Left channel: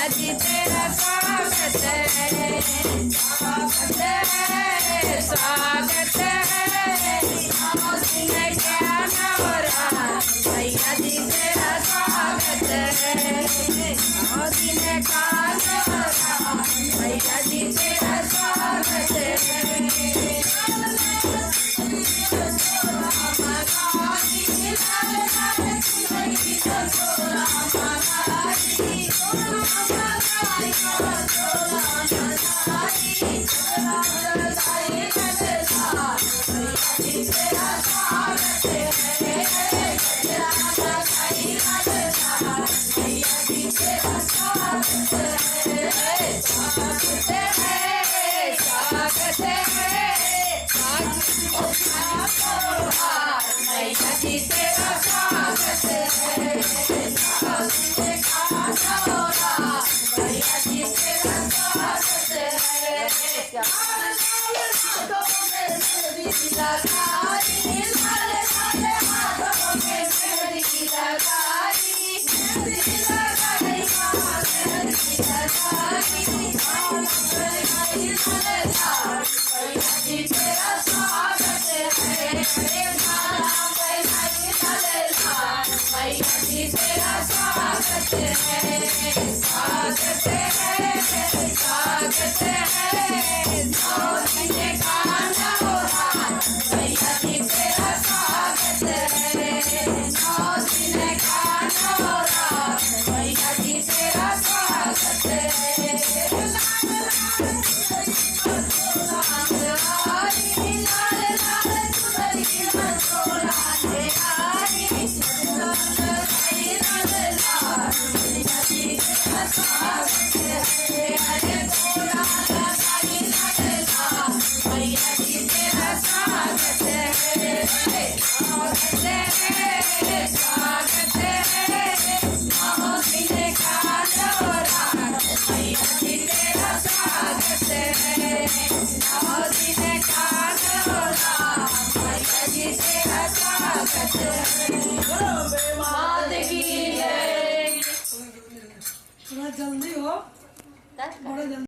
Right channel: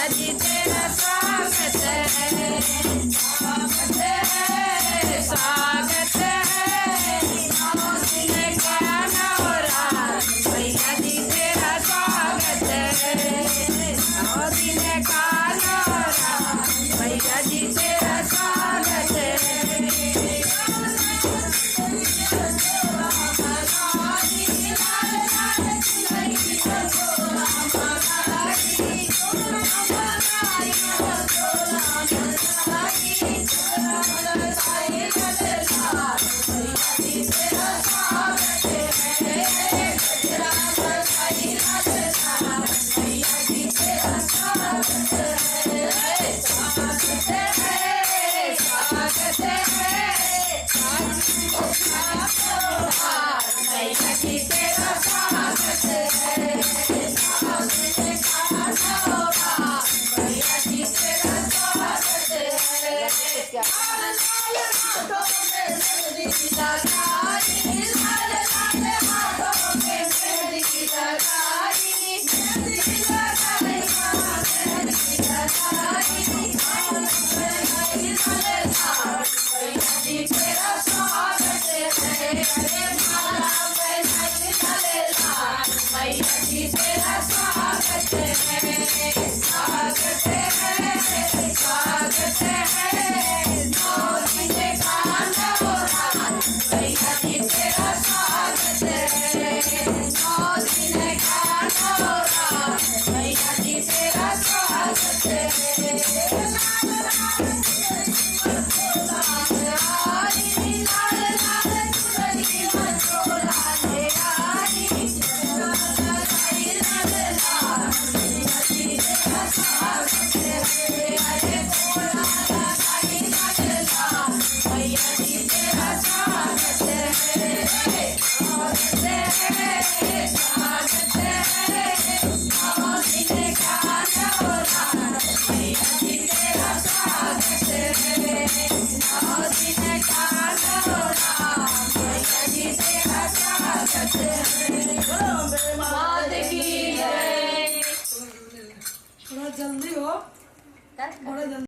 मैया जी तेरा स्वागत है, स्वागत है। दिन क्या नवरात मैया जी तेरा स्वागत है, 9 दिन का नवरात मैया जी तेरा स्वागत है। मैया जी तेरा स्वागत है, मैया जी तेरा स्वागत मैया जी तेरा स्वागत है, स्वागत है, स्वागत है। 9 दिन का नवरात मैया जी तेरा स्वागत है, 9 दिन का नवरात मैया जी तेरा स्वागत है। थोड़ा जल्दी हो, बड़ा जल्दी।